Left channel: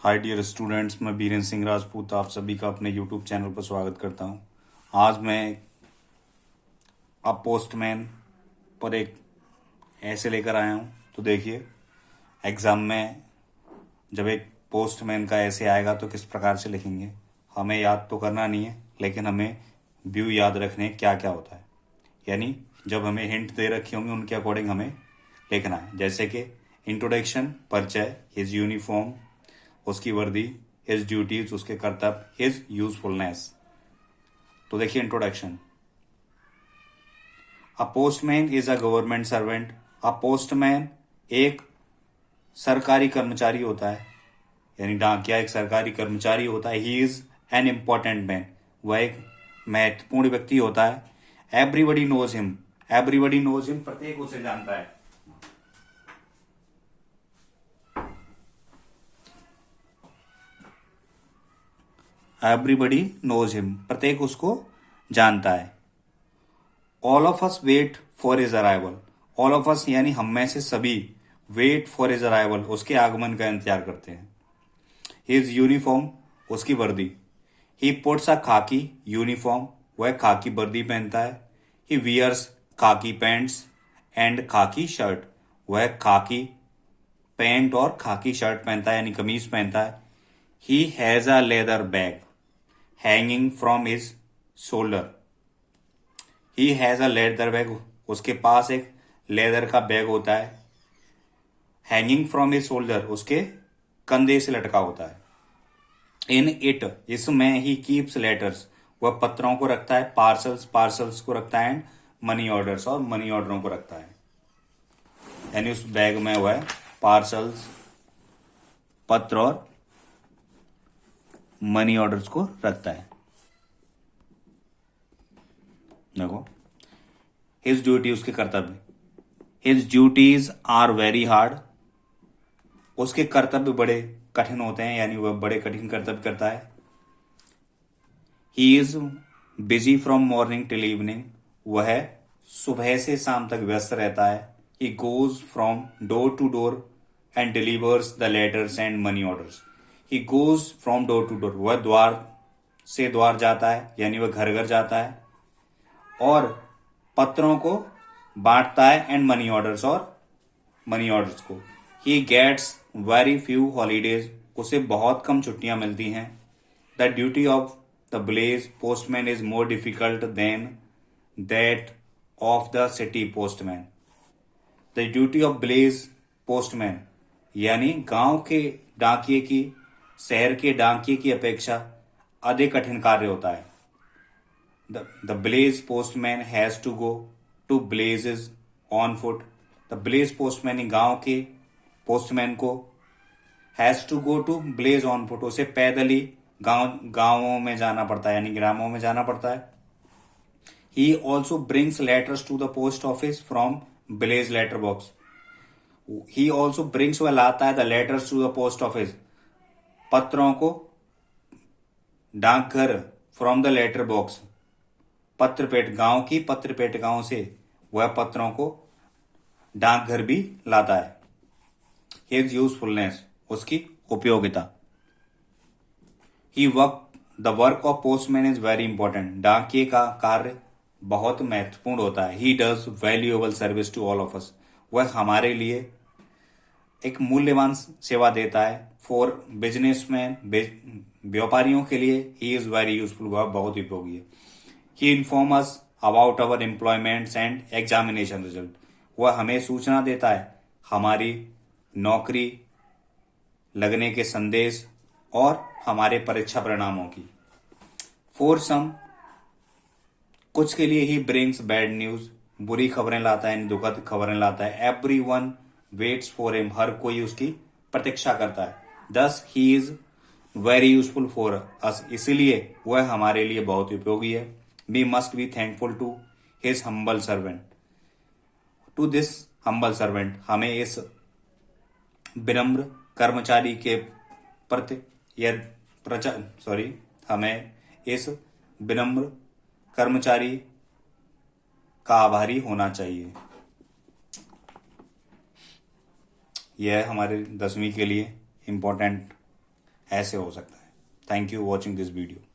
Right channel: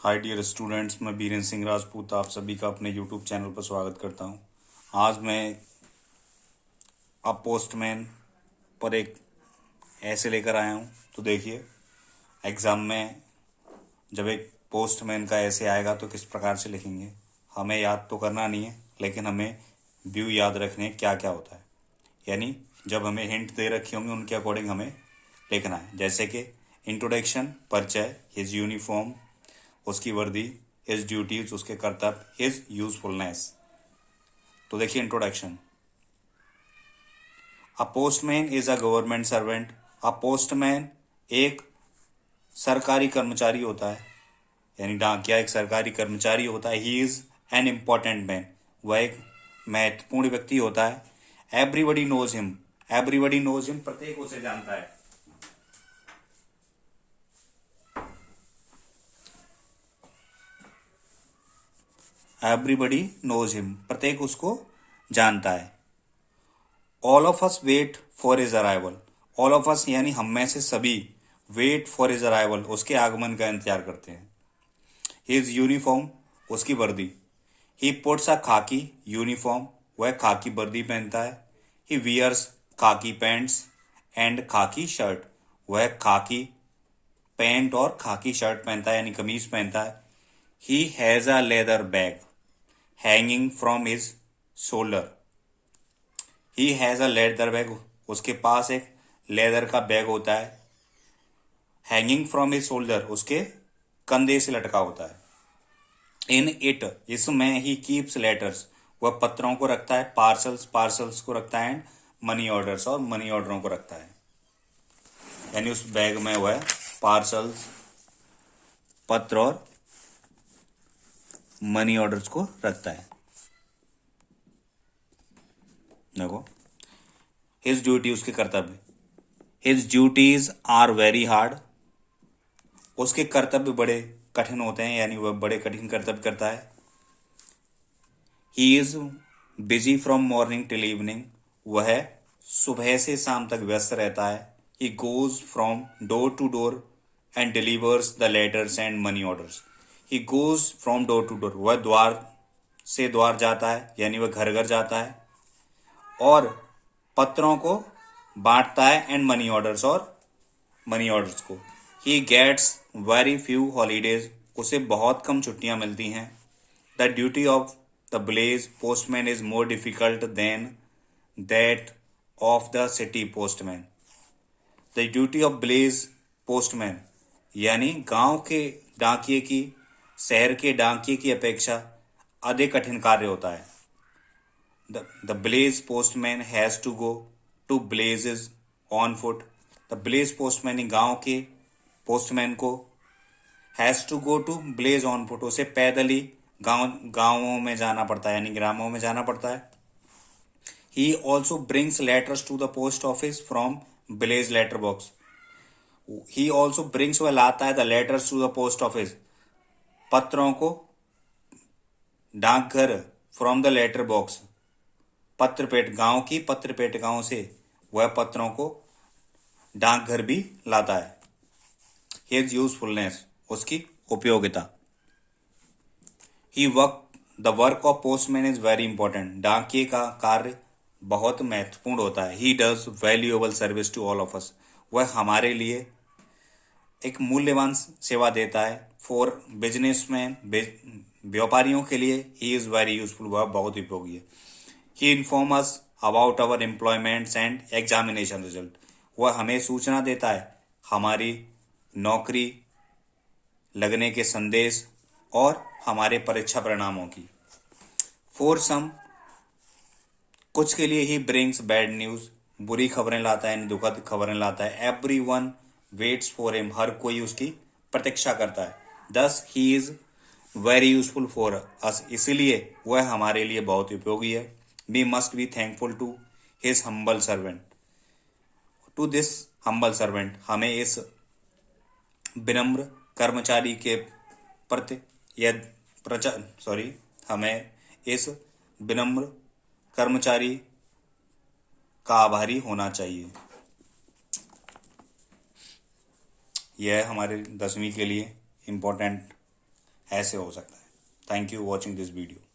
Hi dear students, मैं बीरेन सिंह राजपूत आप सभी का अपने यूट्यूब चैनल पर स्वागत करता हूं। आज मैं अब पोस्टमैन पर एक ऐसे लेकर आया हूं। तो देखिए, एग्ज़ाम में जब एक पोस्टमैन का ऐसे आएगा तो किस प्रकार से लिखेंगे। हमें याद तो करना नहीं है, लेकिन हमें व्यू याद रखने क्या क्या होता है। यानी जब हमें हिंट दे रखे होंगे उनके अकॉर्डिंग हमें लिखना है। जैसे कि इंट्रोडक्शन, परिचय, हिज यूनिफॉर्म, उसकी वर्दी, हिज ड्यूटीज, उसके कर्तव्य, हिज यूजफुलनेस। तो देखिए introduction. A postman is a government servant. A postman एक सरकारी कर्मचारी होता है, यानी डाकिया एक सरकारी कर्मचारी होता है। He is an important man, वह एक महत्वपूर्ण व्यक्ति होता है। Everybody knows him, everybody knows him, प्रत्येक उसे जानता है। एवरीबडी नोज हिम, प्रत्येक उसको जानता है। All of us wait for his arrival. All of us यानी हम में से सभी वेट फॉर हिज अराइवल, उसके आगमन का इंतजार करते हैं। हिज यूनिफॉर्म, उसकी वर्दी। ही पुट्स अ खाकी यूनिफॉर्म, वह खाकी वर्दी पहनता है। ही वियर्स खाकी पैंट्स एंड खाकी शर्ट, वह खाकी पैंट और खाकी शर्ट पहनता है, यानी कमीज पहनता है। He has a leather bag hanging from his shoulder. He has a leather bag, उसके पास एक लेदर का बैग होता है। हैंगिंग फ्रॉम हिज शोल्डर, उसके कंधे से लटका होता है। इन इट, इसमें ही कीप्स लेटर्स, वह पत्रों को रखता है। पार्सल्स, पार्सल्स को रखता है। मनी ऑर्डर्स, और मनी ऑर्डरों को रखता है। यानी उस बैग में वह पार्सल्स, पत्र और मनी ऑर्डर्स को रखता है। देखो, हिज ड्यूटी, उसके कर्तव्य। His duties are very hard, उसके कर्तव्य बड़े कठिन होते हैं, यानी वह बड़े कठिन कर्तव्य करता है। He is busy from morning till evening, वह सुबह से शाम तक व्यस्त रहता है। He goes from door to door and delivers the letters and money orders. He goes from door to door, वह द्वार से द्वार जाता है, यानी वह घर घर जाता है और पत्रों को बांटता है। एंड मनी ऑर्डर्स, और मनी ऑर्डर्स को। He gets very few holidays, उसे बहुत कम छुट्टियां मिलती हैं। The duty of the village postman is more difficult than that of the city postman. The duty of village postman, यानी गांव के डाकिये की शहर के डाकिये की अपेक्षा अधिक कठिन कार्य होता है। The blaze postman has to go to blazes on foot. The blaze postman गांव के पोस्टमैन को has to go to village on foot, उसे पैदल ही गांवों में जाना पड़ता है, यानी ग्रामों में जाना पड़ता है। He also brings letters to the post office from village letter box. He also brings, वह लाता है, the letters to the post office, पत्रों को डाकघर, फ्रॉम द लेटर बॉक्स, पत्रपेट, गांव की पत्रपेटिकाओं से वह पत्रों को डाकघर भी लाता है। हिज यूजफुलनेस, उसकी उपयोगिता। He work, the work of postman is very important, डाकिये का कार्य बहुत महत्वपूर्ण होता है। He does valuable service to all of us, वह हमारे लिए एक मूल्यवान सेवा देता है। फॉर बिजनेसमैन, व्यापारियों के लिए ही इज वेरी यूजफुल, वह बहुत उपयोगी है। He inform us about our employments and examination result, वह हमें सूचना देता है हमारी नौकरी लगने के संदेश और हमारे परीक्षा परिणामों की। फॉर सम, कुछ के लिए ही ब्रिंग्स बैड न्यूज, बुरी खबरें लाता है, दुखद खबरें लाता है। Every one waits for him, हर कोई उसकी प्रतीक्षा करता है। Thus he is very useful for us, इसीलिए वह हमारे लिए बहुत उपयोगी है। We must be thankful to his humble servant, to this humble servant, हमें इस विनम्र कर्मचारी के प्रति हमें इस विनम्र कर्मचारी का आभारी होना चाहिए। यह हमारे 10वीं के लिए इम्पोर्टेंट ऐसे हो सकता है। Thank you watching this video.